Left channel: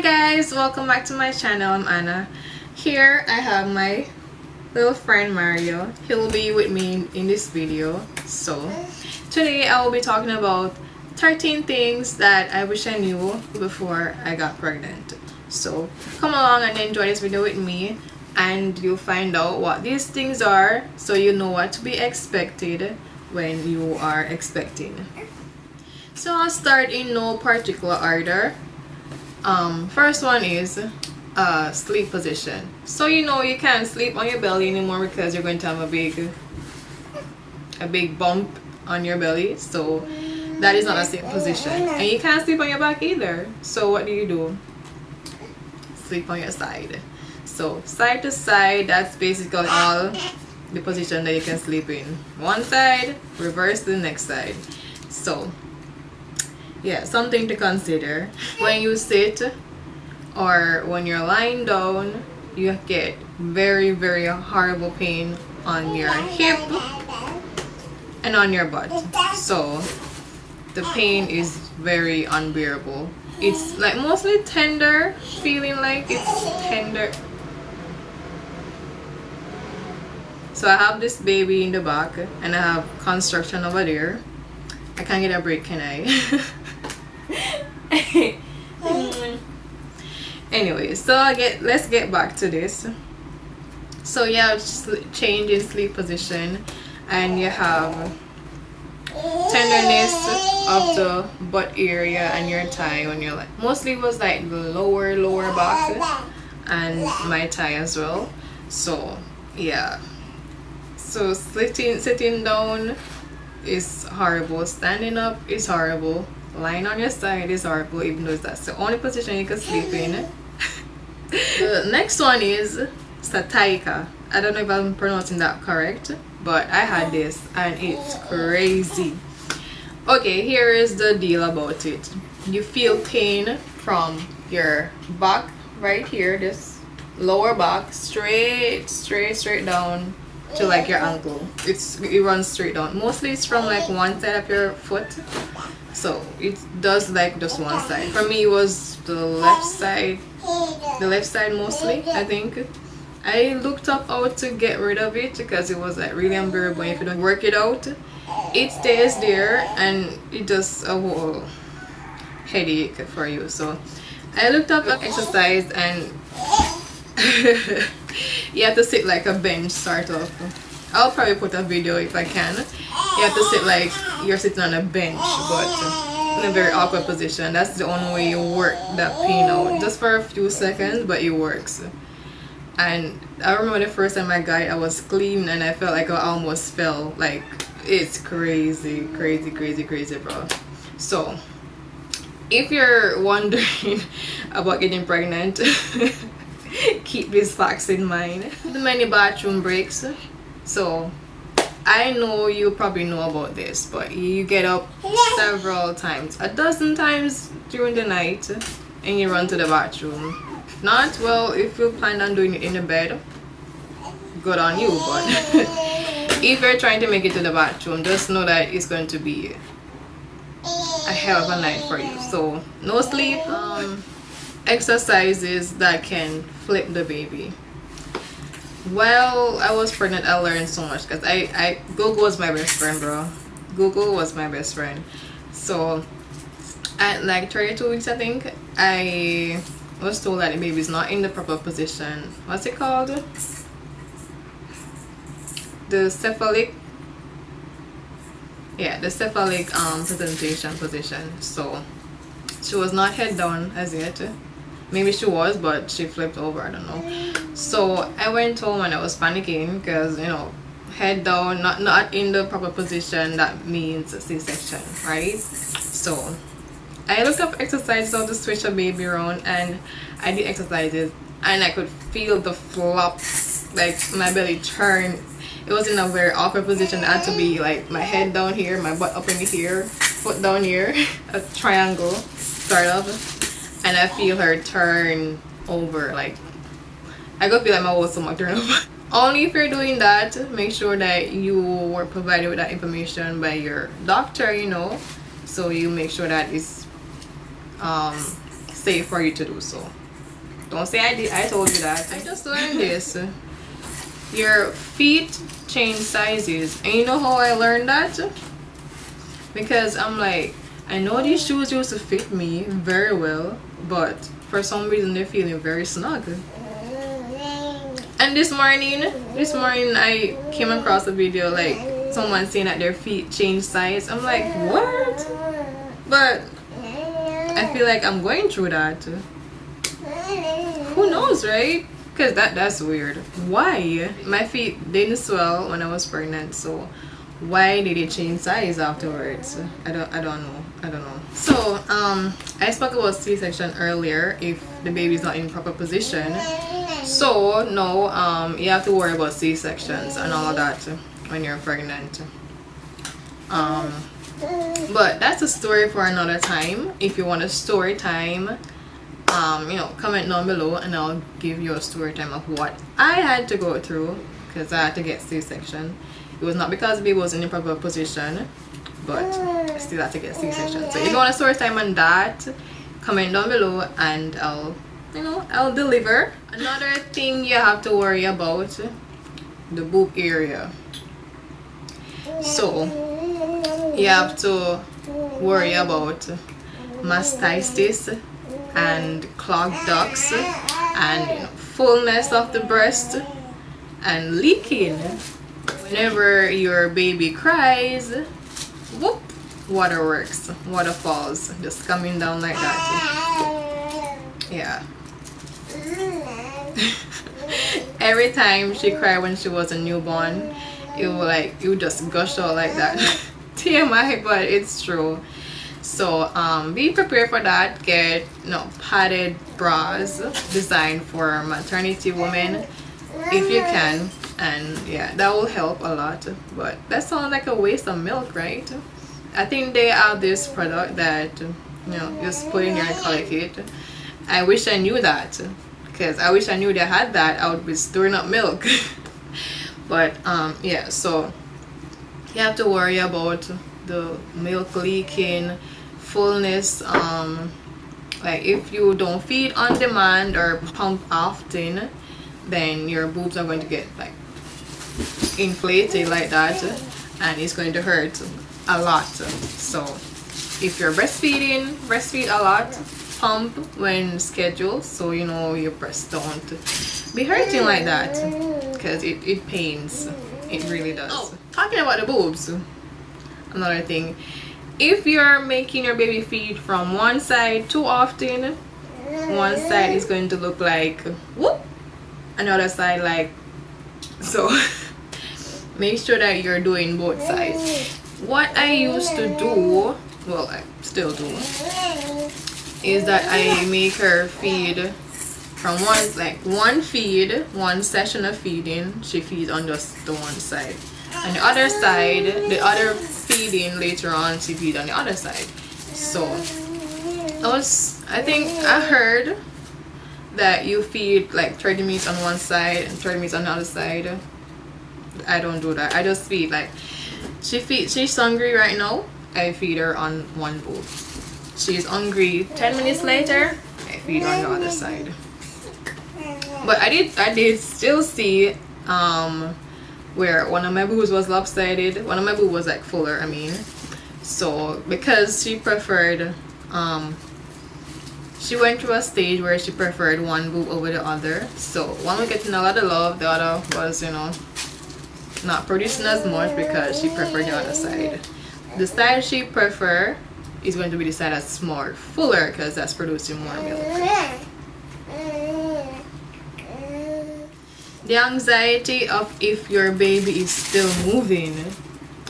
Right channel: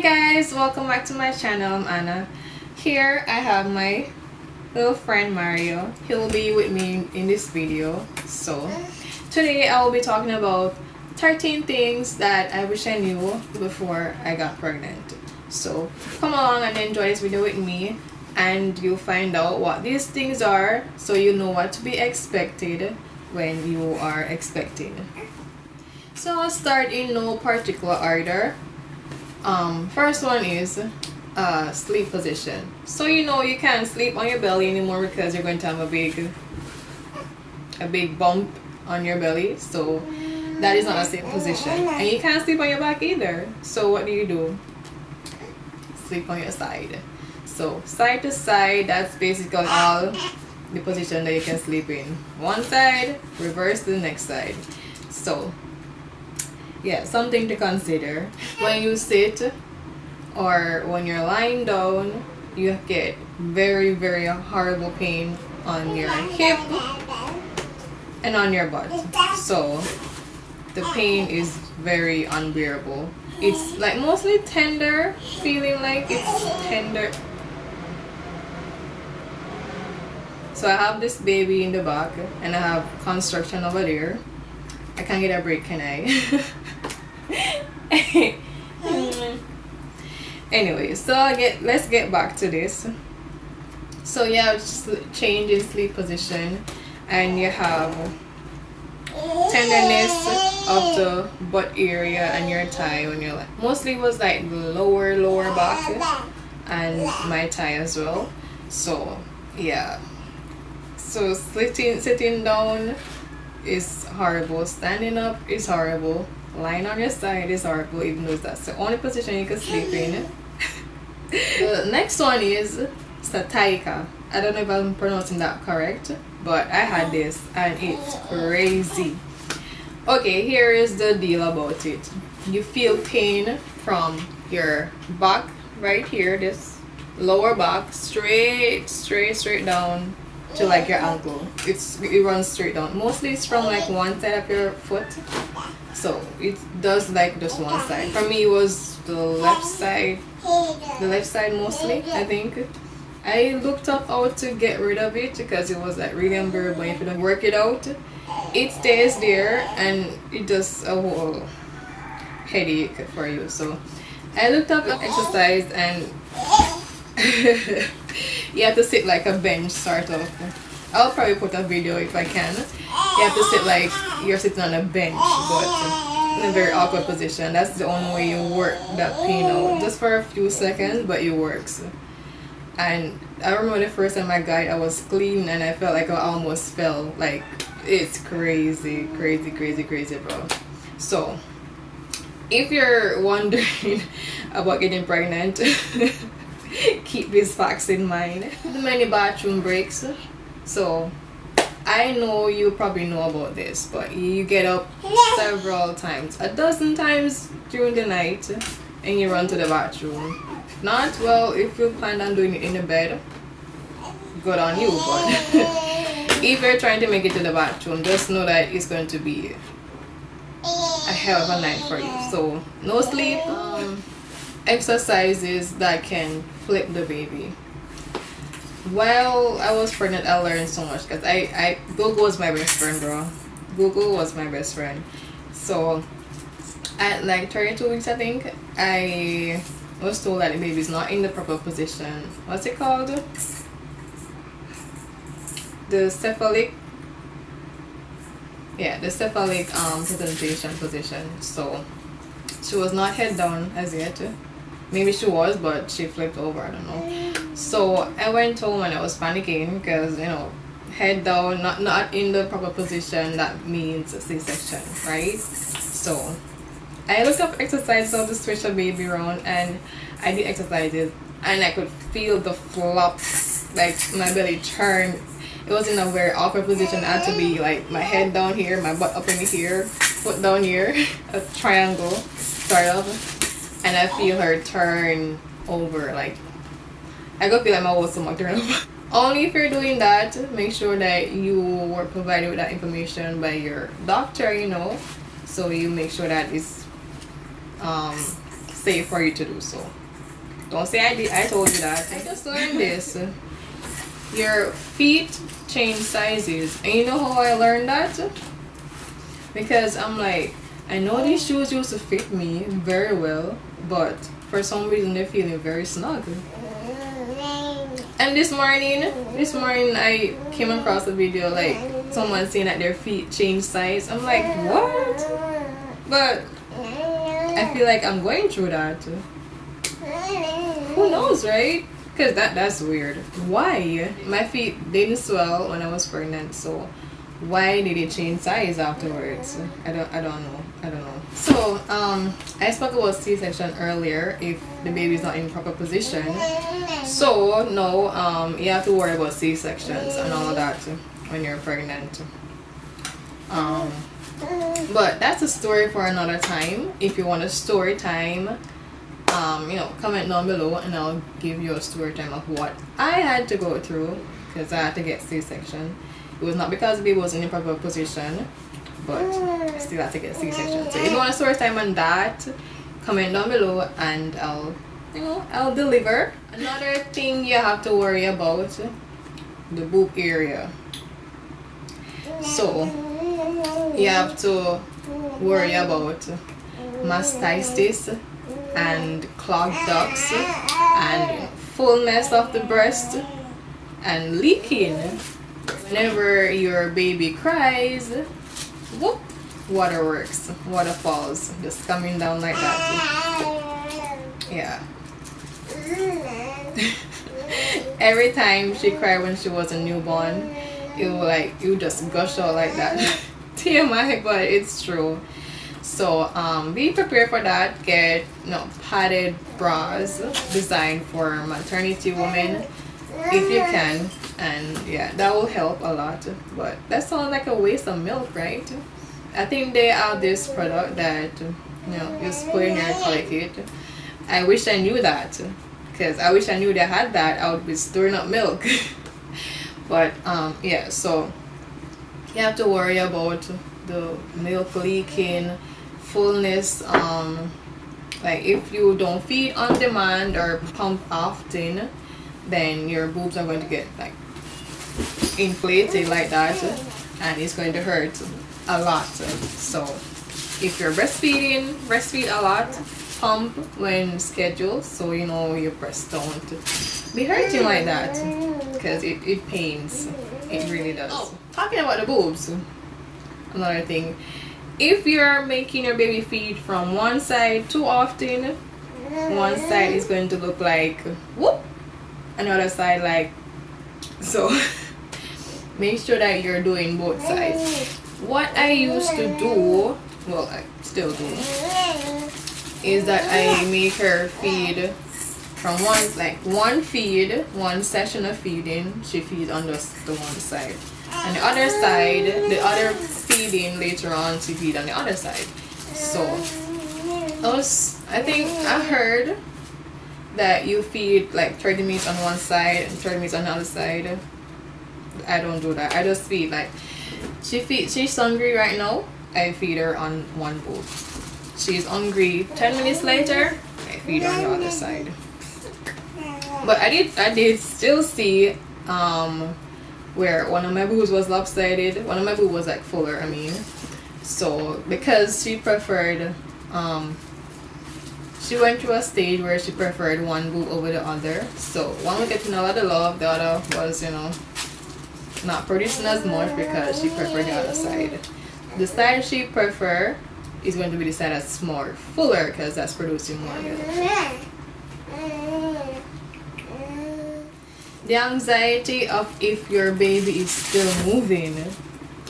Hi guys, welcome back to my channel. I'm Anna. Here I have my little friend Mario. He'll be with me in this video. So today I will be talking about 13 things that I wish I knew before I got pregnant. So come along and enjoy this video with me, and you'll find out what these things are so you know what to be expected when you are expecting. So I'll start in no particular order. First one is sleep position. So you know you can't sleep on your belly anymore because you're going to have a big bump on your belly. So that is not a safe position, and you can't sleep on your back either. So what do? Sleep on your side. So side to side, that's basically all the position that you can sleep in. One side, reverse to the next side. So yeah, something to consider. When you sit or when you're lying down, you get very horrible pain on your hip and on your butt. So the pain is very unbearable. It's like mostly tender, feeling like it's tender. So I have this baby in the back and I have construction over there. I can't get a break, can I? Anyway, so let's get back to this. So you have change in sleep position, and you have tenderness of the butt area and your thigh when you're like, mostly it was like the lower back and my thigh as well. So yeah, so sitting down is horrible, standing up is horrible, lying on your side is horrible, even though that's the only position you can sleep in. The next one is sciatica. I don't know if I'm pronouncing that correct, but I had this and it's crazy. Okay, here is the deal about it. You feel pain from your back right here, this lower back, straight down to like your ankle. It runs straight down. Mostly it's from like one side of your foot, so it does like just one side. For me it was the left side mostly. I think I looked up how to get rid of it because it was like really unbearable. If you don't work it out, it stays there and it does a whole headache for you. So I looked up an exercise, and you have to sit like a bench sort of. I'll probably put a video if I can. You have to sit like you're sitting on a bench, but in a very awkward position. That's the only way you work that pain out, just for a few seconds, but it works. And I remember the first time I got it, I was clean and I felt like I almost fell. Like, it's crazy, bro. So if you're wondering about getting pregnant, keep these facts in mind. The many bathroom breaks. So I know you probably know about this, but you get up several times, a dozen times during the night, and you run to the bathroom. Not well, if you plan on doing it in the bed, good on you, but if you're trying to make it to the bathroom, just know that it's going to be a hell of a night for you. So no sleep, exercises that can flip the baby. While I was pregnant, I learned so much because Google was my best friend, bro. Google was my best friend. So at like 32 weeks, I think, I was told that the baby is not in the proper position. What's it called? The cephalic. Yeah, the cephalic presentation position. So she was not head down as yet. Maybe she was, but she flipped over, I don't know. So I went home and I was panicking because, you know, head down, not in the proper position, that means a C-section, right? So I looked up exercises how to switch a baby around, and I did exercises and I could feel the flop, like my belly turn. It was in a very awkward position. I had to be like my head down here, my butt up in here, foot down here, a triangle sort of. And I feel her turn over, like I could feel like my whole stomach turn over. Only if you're doing that, make sure that you were provided with that information by your doctor, you know, so you make sure that it's safe for you to do so. Don't say I told you that. I just learned this. Your feet change sizes. And you know how I learned that? Because I'm like, I know these shoes used to fit me very well, but for some reason they're feeling very snug. And this morning I came across a video like someone saying that their feet change size. I'm like, what? But I feel like I'm going through that. Who knows, right? Because that's weird. Why? My feet didn't swell when I was pregnant, so why did it change size afterwards? I don't know. So I spoke about C-section earlier if the baby's not in proper position. So no, you have to worry about C-sections and all that when you're pregnant. But that's a story for another time. If you want a story time, you know, comment down below and I'll give you a story time of what I had to go through because I had to get C-section. It was not because the baby was in the proper position, but I still had to get C-section. So if you want a story time on that, comment down below and I'll deliver. Another thing you have to worry about, the boob area. So you have to worry about mastitis and clogged ducts and fullness of the breast and leaking. Whenever your baby cries, whoop, water works, water falls, just coming down like that. Yeah. Every time she cried when she was a newborn, it would just gush out like that. TMI, but it's true. So be prepared for that. Get padded bras designed for maternity women if you can, and yeah, that will help a lot. But that sounds like a waste of milk, right? I think they have this product that just put in your colic kit. I wish I knew that, because I wish I knew they had that. I would be storing up milk. But yeah, so you have to worry about the milk leaking, fullness. Like if you don't feed on demand or pump often, then your boobs are going to get like inflated like that, and it's going to hurt a lot. So if you're breastfeeding, breastfeed a lot, pump when scheduled, so your breasts don't be hurting like that, because it pains. It really does. Oh, talking about the boobs, another thing, if you're making your baby feed from one side too often, one side is going to look like whoop, another side like so. Make sure that you're doing both sides. What I used to do, well, I still do, is that I make her feed from one session of feeding, she feeds on just the one side, and the other side, the other feeding later on, she feeds on the other side. So I think I heard that you feed like 30 minutes on one side and 30 minutes on the other side. I don't do that. I just feed like she's hungry right now, I feed her on one boob. She's hungry 10 minutes later, I feed her on the other side. But I did still see where one of my boobs was lopsided, one of my boobs was like fuller, I mean. So because she preferred she went through a stage where she preferred one boob over the other. So one was getting a lot of love, the other was not producing as much because she preferred the other side. The side she prefer is going to be the side that's more fuller, because that's producing more milk. The anxiety of if your baby is still moving,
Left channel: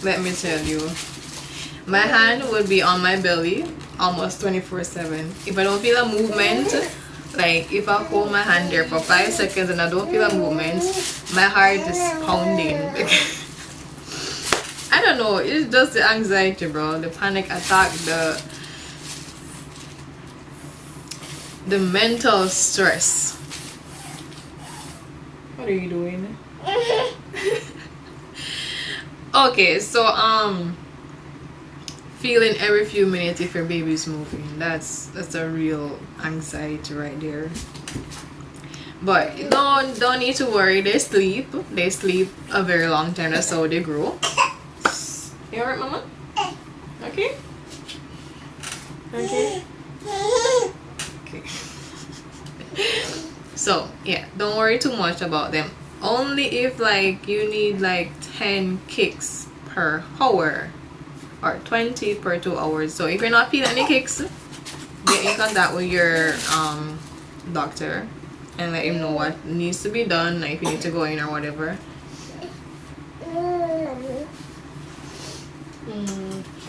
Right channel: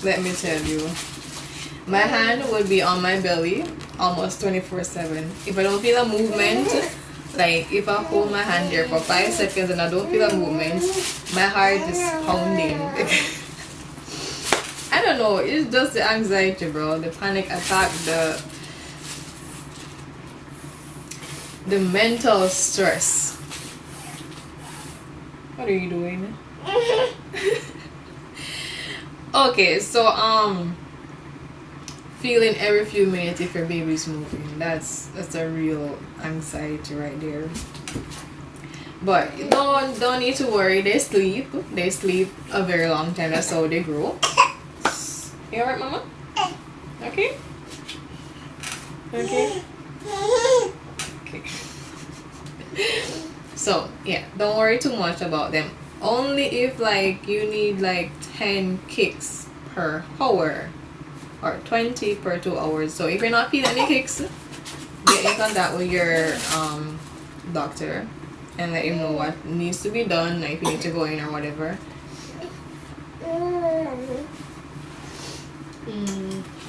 let me tell you, my hand would be on my belly almost 24/7. If I don't feel a movement, like if I hold my hand there for 5 seconds and I don't feel a movement, my heart is pounding. I don't know, it's just the anxiety, bro, the panic attack, the mental stress. What are you doing? Okay, so feeling every few minutes if your baby's moving. That's a real anxiety right there. But don't need to worry. They sleep a very long time. That's how they grow. You alright, mama? Okay. Okay. Okay. So yeah, don't worry too much about them. Only if like you need like 10 kicks per hour or 20 per 2 hours. So if you're not feeling any kicks, get in contact with your doctor and let him know what needs to be done, like if you need to go in or whatever.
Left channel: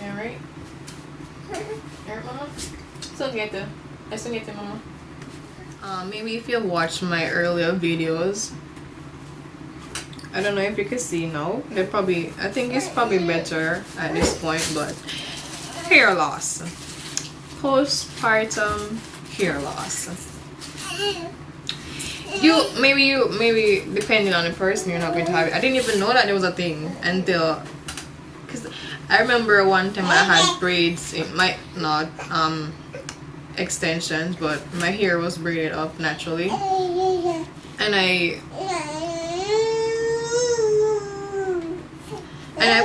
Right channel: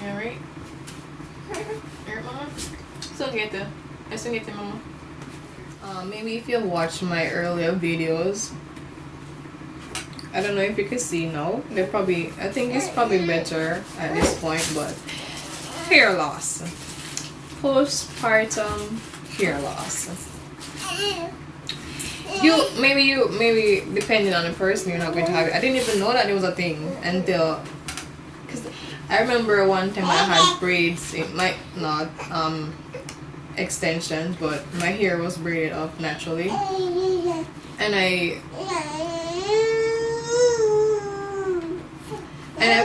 Alright. Alright, mama. So get it. Mama. Maybe if you watched my earlier videos, I don't know if you can see now. They're probably, I think it's probably better at this point, but hair loss. Postpartum hair loss. Maybe depending on the person, you're not going to have it. I didn't even know that there was a thing until, because I remember one time I had braids. It might not extensions, but my hair was braided up naturally, and I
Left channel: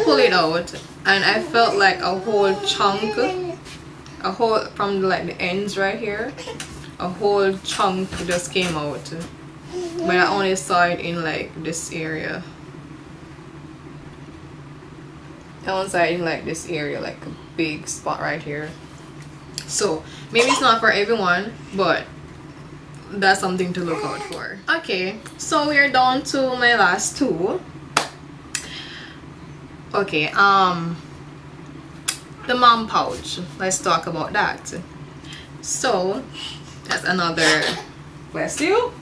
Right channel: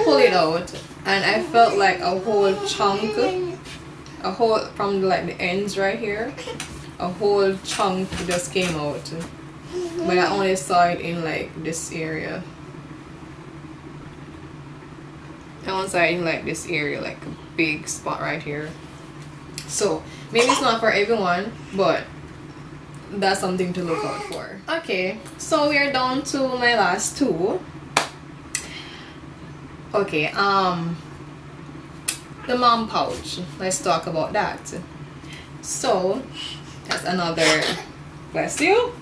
pull it out, and I felt like a whole chunk, from like the ends right here, a whole chunk just came out, but I only saw it in like this area. I only saw it in like this area, like a big spot right here. So maybe it's not for everyone, but that's something to look out for. Okay, so we're down to my last two. Okay, the mom pouch. Let's talk about that. So that's another, bless you,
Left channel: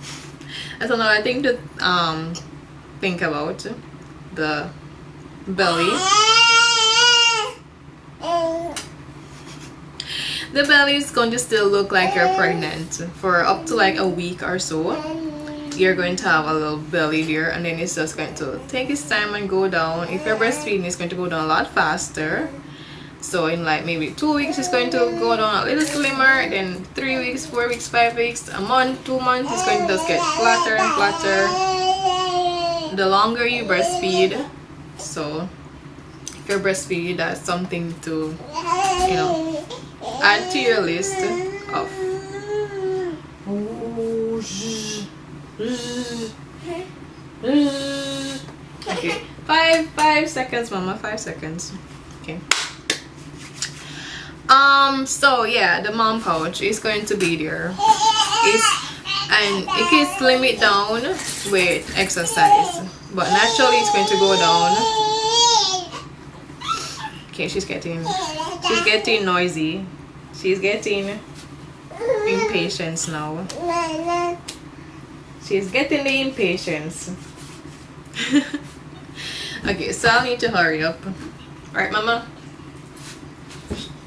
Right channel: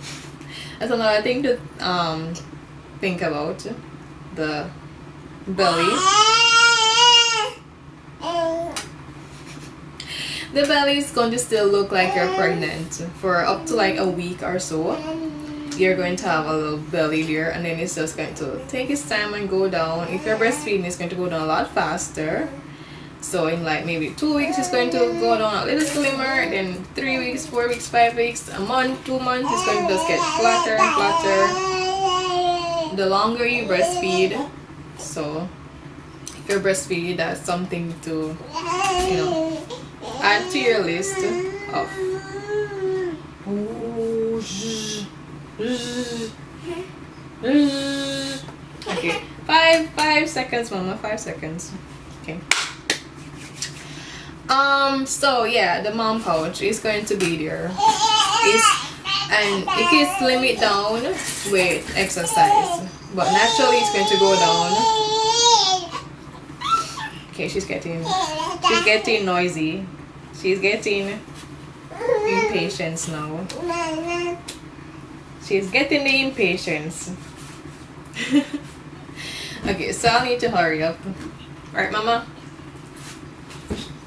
that's another thing to think about. The belly. The belly is going to still look like you're pregnant for up to like a week or so. You're going to have a little belly there, and then it's just going to take its time and go down. If you're breastfeeding, it's going to go down a lot faster. So in like maybe 2 weeks, it's going to go down a little slimmer. Then 3 weeks, 4 weeks, 5 weeks, a month, 2 months, it's going to just get flatter and flatter the longer you breastfeed. So if you're breastfeeding, that's something to, you know, add to your list of. Okay, 5 seconds, mama. 5 seconds. Okay. So yeah, the mom pouch is going to be there. And you can slim it down with exercise, but naturally it's going to go down. Okay, she's getting noisy. She's getting impatience now. She's getting the impatience. Okay, so I'll need to hurry up. Right, mama?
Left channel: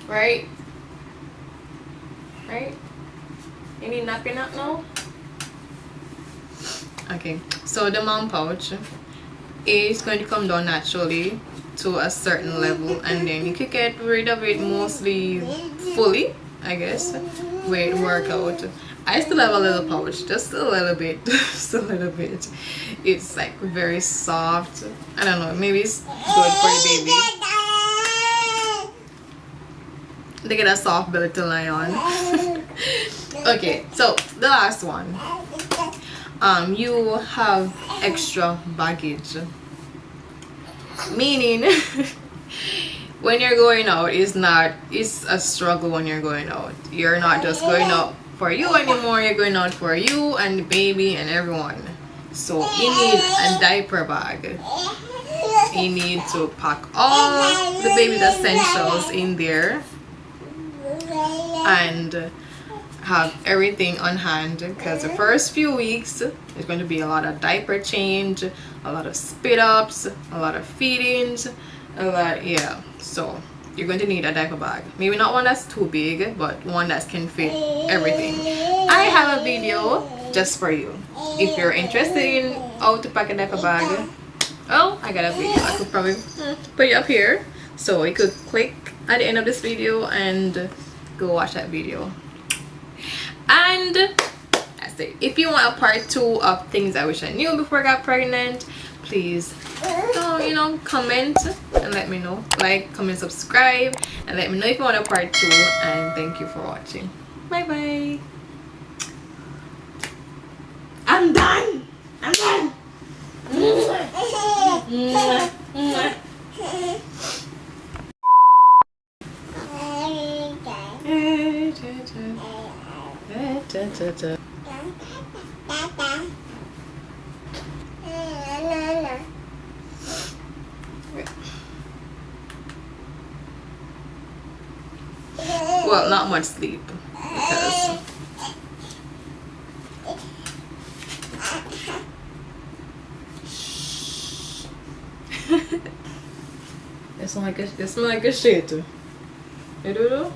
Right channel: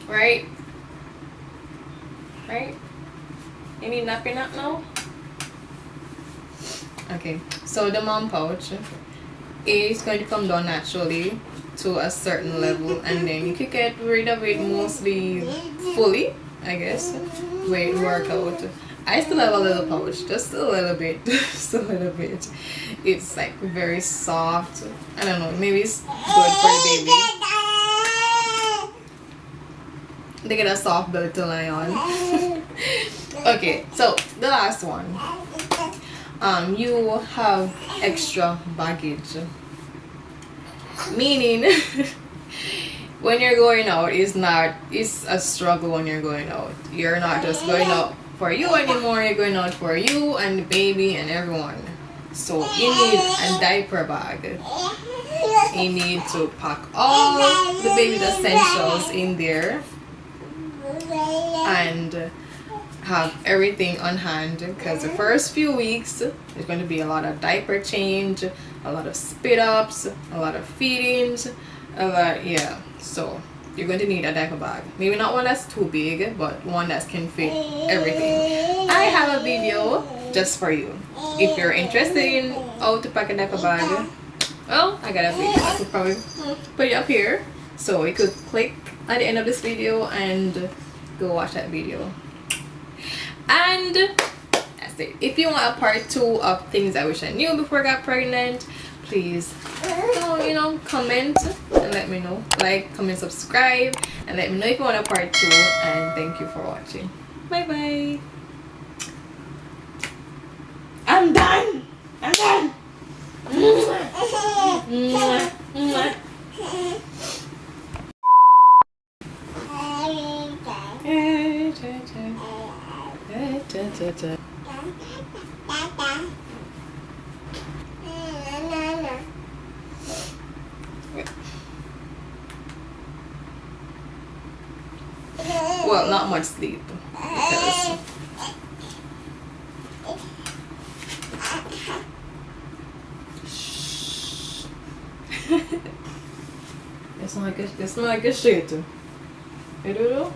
Right? Right? You need napping up now? Okay, so the mom pouch is going to come down naturally to a certain level, and then you can get rid of it mostly fully, I guess, with workout. I still have a little pouch, just a little bit. Just a little bit. It's like very soft. I don't know, maybe it's good for the baby. They get a soft belly to lie on. Okay, so the last one. You have extra baggage, meaning when you're going out, it's a struggle. When you're going out, you're not just going out for you anymore, you're going out for you and the baby and everyone. So you need a diaper bag. You need to pack all the baby's essentials in there and have everything on hand, because the first few weeks there's going to be a lot of diaper change, a lot of spit ups, a lot of feedings, a lot. Yeah, so you're going to need a diaper bag. Maybe not one that's too big, but one that can fit everything. I have a video just for you if you're interested in how to pack a diaper bag. Well, I got a video. I could probably put it up here, so you could click at the end of this video and go watch that video. And that's it. If you want a part 2 of things I wish I knew before I got pregnant, please comment and let me know. Like, comment, subscribe, and let me know if you want a part 2. And thank you for watching. Bye bye. I'm done. I'm done. Well, not much sleep because you smell like a shit. You do?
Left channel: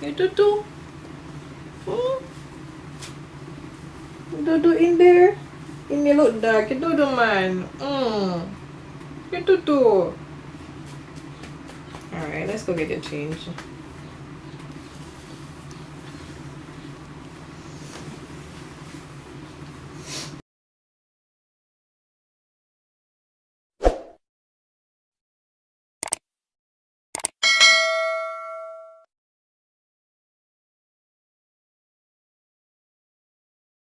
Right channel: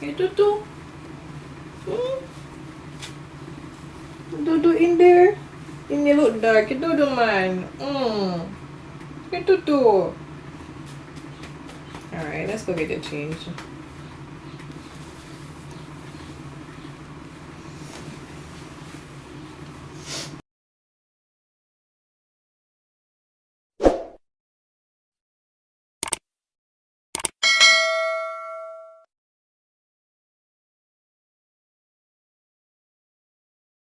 You do? You in there? In the look dark. You do, man. You do. Alright, let's go get it changed.